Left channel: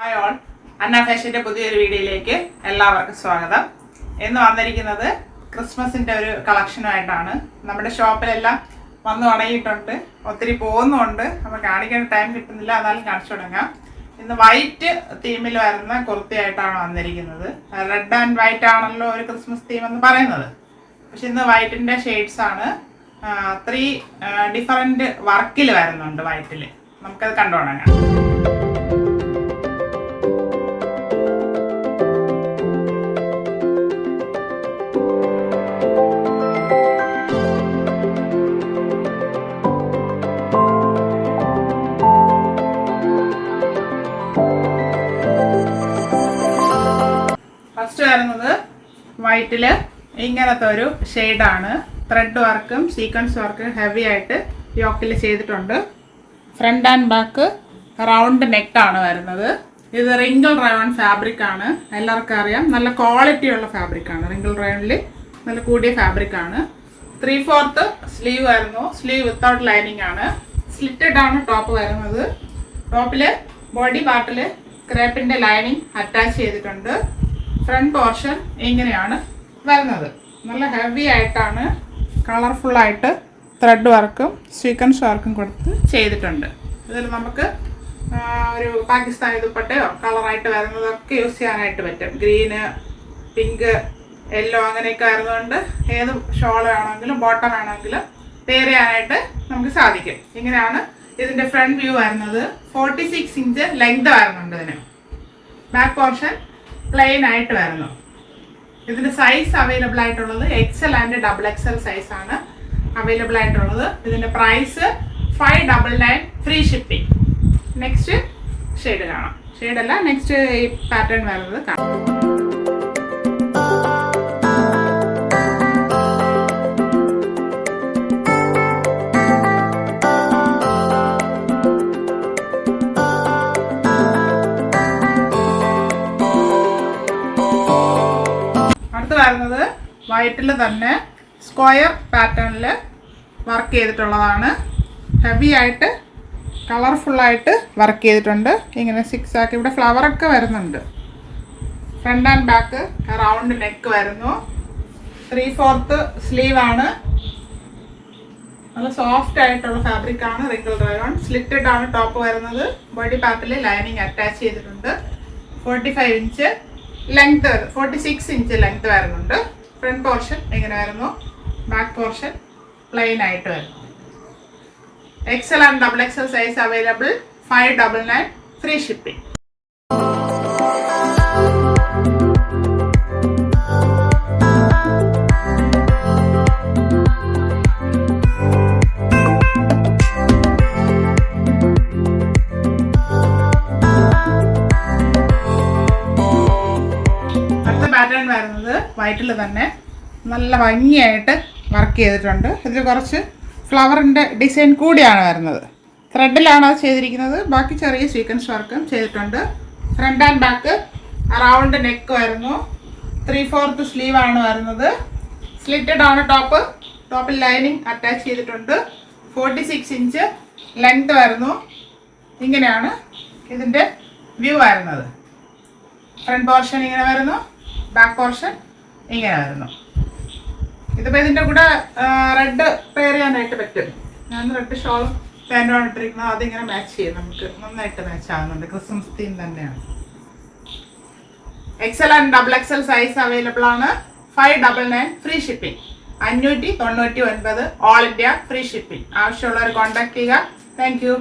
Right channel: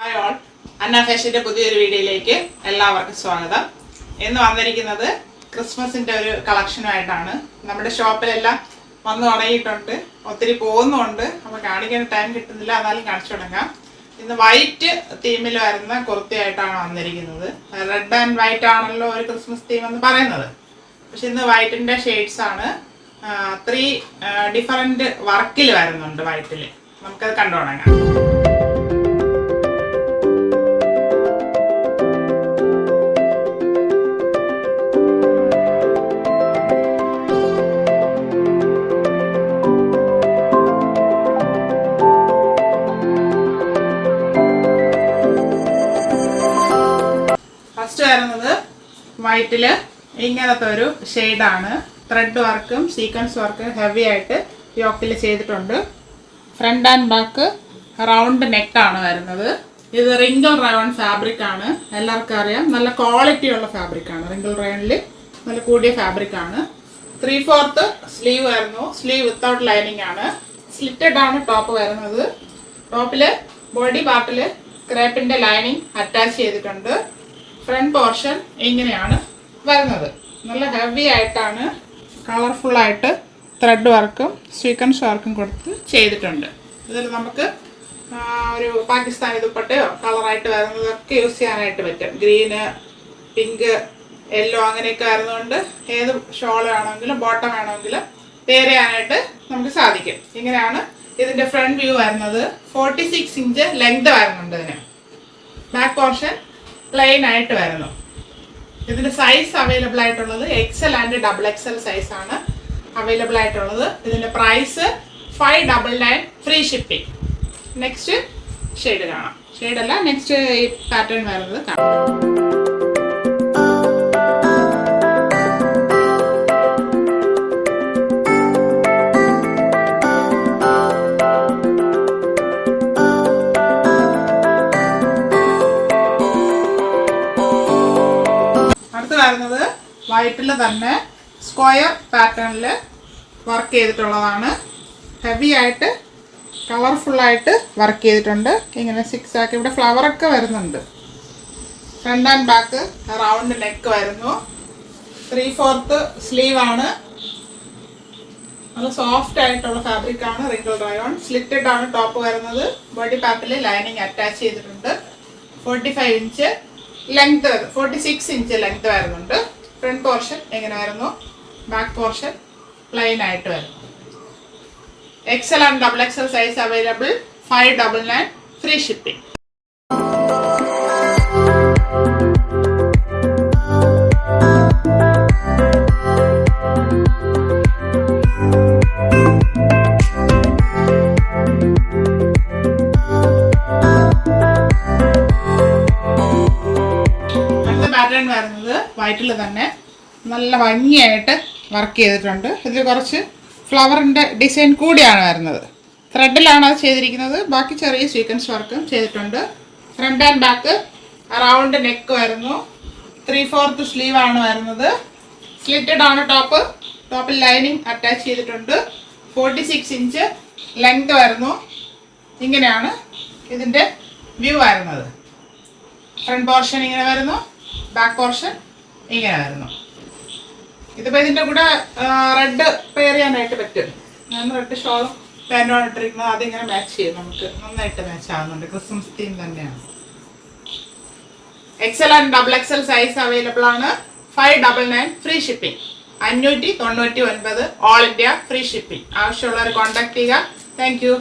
Hi all, അന്ന ഫാഷൻ്റെ പുതിയൊരു വീഡിയോയിലേക്ക് എല്ലാവർക്കും സ്വാഗതം. ഇന്ന് വന്നിരിക്കുന്നത് ക്രിസ്മസിൻ്റെ ഒരു കളക്ഷനുമായിട്ടാണ്. നമ്മുടെ ഷോപ്പിലെല്ലാം വന്നു തുടങ്ങിയിട്ടുണ്ട്, ഒത്തിരി പോകുന്നുണ്ട്. അപ്പോൾ കാണിക്കാൻ ടൈം കിട്ടുന്നില്ല, എന്നാലും കാണിച്ചു തുടങ്ങാം. ഇന്ന് വൈറ്റ് തീമിൽ വരുന്ന കുർത്തിയായിട്ടാണ് വന്നിരിക്കുന്നത്. റെഡ് ആൻഡ് വൈറ്റ് ആണല്ലോ ഒരു ക്രിസ്മസ് തീം എന്ന് പറയുന്നത്. പക്ഷെ ഇന്ന് വൈറ്റിൻ്റെ ഷെയ്ഡ്സ് ആണ്. 3 ഡിഫറൻറ്റ് വർക്കിൽ വരുന്നുണ്ട് വൈറ്റിൽ. നമുക്കത് കണ്ടു തുടങ്ങാം. ഫസ്റ്റ് വരുന്നത് വൈറ്റിൽ ഇങ്ങനത്തെ ഒരു ഷെയ്ഡാണ്. ത്രെഡ് വർക്കും സീക്വൻസ് വർക്കും ഹെവി ആയിട്ട് യോക്കിൽ ചെയ്തിട്ടുണ്ട്. ഫ്രണ്ട് ആൻഡ് ബാക്ക് റൗണ്ട് നെക്കാണ് വരുന്നത്. ഇത് റിങ്കിൾ റയോൺ ഫാബ്രിക് ആണ്. എല്ലാവർക്കും അറിയാം, നല്ല ക്വാളിറ്റി ഉള്ള ഫാബ്രിക് ആണ്. റിങ്കിൾ റയോണിൽ നല്ല കൂടിയ ഫാബ്രിക് ആണ്. 3/4 സ്ലീവ് വരുന്നു. സ്ലീവ് വിത്തൗട്ട് ലൈനിങ് ആണ്. സ്ലിറ്റഡ് ആണ് ടോപ്പ് വരുന്നത്. ടോപ്പിൽ ബോഡി പാർട്ടിൽ ക്രേപ്പിൻ്റെ ലൈനിങ് അറ്റാച്ച് ചെയ്തിട്ടുണ്ട്. ഫ്രണ്ട് പോർഷൻ ഇങ്ങനെയാണ് വരുന്നത്. നല്ല ഹെവി ആയിട്ടാണ്, കളർഫുള്ളായിട്ട് ത്രെഡ് വർക്കും സീക്വൻസ് വർക്കും കൊടുത്ത് ചെയ്തിട്ടുണ്ട്. ഇതിൽ നമുക്ക് ഒരു പാകിസ്ഥാനി ദുപ്പട്ടയോ കളറായിട്ട് വരുന്നതൊക്കെ യൂസ് ചെയ്യാനായിട്ട് പറ്റും. ഗ്രീന്, പിങ്ക്, യെല്ലോ അങ്ങനെയൊക്കെ വരുന്നതുകൊണ്ട് ഏത് ഷോൾ വേണമെങ്കിലും ബോട്ടം വേണമെങ്കിലും പെയർ ചെയ്യാനായിട്ട് നമുക്ക് സാധിക്കും. ഇങ്ങനെയാണ് ഇതിൻ്റെ ഫ്രണ്ട് വ്യൂ വരുന്നത്. 46 ഇഞ്ച് ലെങ്ത് വരുന്നുണ്ട് ഇതിന്. ബാക്ക് പോർഷൻ പ്ലെയിൻ ആയിട്ട് വരുന്നു. ഇതിൻ്റെ സൈസ് അവൈലബിൾ ആയിട്ടുള്ളത് XL ആൻഡ് XXL സൈസാണ് അവൈലബിൾ ആയിട്ടുള്ളത്. ഇതിൻ്റെ price 599 free shipping. Next shade കാണാം. ഷെയ്ഡല്ല, നെക്സ്റ്റ് ഈ പാറ്റേൺ വരുന്നത് കാണാം. വരുന്നത് വൈറ്റിൽ തന്നെ സ്ക്വയർ പാറ്റേണിൽ വർക്ക് ചെയ്തിട്ടുള്ളതാണ്. ഹെവി ആയിട്ട് കളർഫുള്ളായിട്ട് വർക്ക് ചെയ്തിട്ടുണ്ട്. ഇങ്ങനെ 6 ആക്കി ഇവിടെ ഫ്ലവറൊക്കെ വരുന്നുണ്ട്. Front and back round neck വരുന്നു. 3/4 സ്ലീവ് ആണ്. നല്ല സോഫ്റ്റ് ആയിട്ടുള്ള ഫാബ്രിക് ആണ്. Wrinkle rayon. സ്ലിറ്റഡ് ആണ് ടോപ്പ് വരുന്നത്. ബോഡി പാർട്ടിൽ ലൈനിങ് അറ്റാച്ച് ചെയ്തിട്ടുണ്ട്. 45 ഇഞ്ച് ലെങ്ത് 46 ഇഞ്ച് ലെങ്ത് വരുന്നുണ്ട്. ഫ്രണ്ട് പോർഷൻ എങ്ങനെ വരുന്നു, ബാക്ക് പോർഷൻ പ്ലെയിൻ ആയിട്ട് വരുന്നു. XL and XXL size available. 599 free shipping. Pattern വരുന്നത് വൈറ്റിൽ തന്നെ നല്ല ഭംഗിയായിട്ട് വർക്ക് ചെയ്തിട്ടുണ്ട്. ഇതിൽ കുറച്ച് ഫ്ലവറിൻ്റെ ഡിസൈൻ കൂടിയാണ് വരുന്നത്. ത്രെഡിലാണ് അത് ചെയ്തിരിക്കുന്നത്. ബാക്കി ചെറിയ സീക്വൻസ് വർക്കും ചെയ്തിട്ടുണ്ട്. Front and back round neck വരുന്നു. 3/4 സ്ലീവ് ആണ് വരുന്നത്. സ്ലിറ്റഡ് ആണ് ടോപ്പ്. ടോപ്പിൽ ലൈനിങ് അറ്റാച്ച് ചെയ്തിട്ടുണ്ട്. 46 ഇഞ്ച് ലെങ്ത് വരുന്നു. ഇങ്ങനെയാണ് ഇതിൻ്റെ വ്യൂ വരുന്നത്. ഫ്രണ്ട് പോർഷൻ ഇങ്ങനെ വരുന്നു, ബാക്ക് പോർഷൻ ഇങ്ങനെ വരുന്നു. ഇതിപ്പോൾ ഇതിൻ്റെ കൂടെ റെഡ് പെയർ ചെയ്യാനായിട്ട് പറ്റും. ഞാൻ റെഡ് ഷോളും പാൻറ്റുമാണ് ഇട്ടിരിക്കുന്നത്. അതിങ്ങനെ മാച്ച് ചെയ്യും, നമുക്ക് നന്നായിട്ട് മാച്ച് ആവുന്നുണ്ട്. ക്രിസ്മസ് തീം തന്നെയാണ്. XL and XXL size available ആണ്. 599 free shipping. 599 all India free shipping. ആവശ്യമുള്ളവർ കോൺടാക്ട് ചെയ്യുക. Thank you.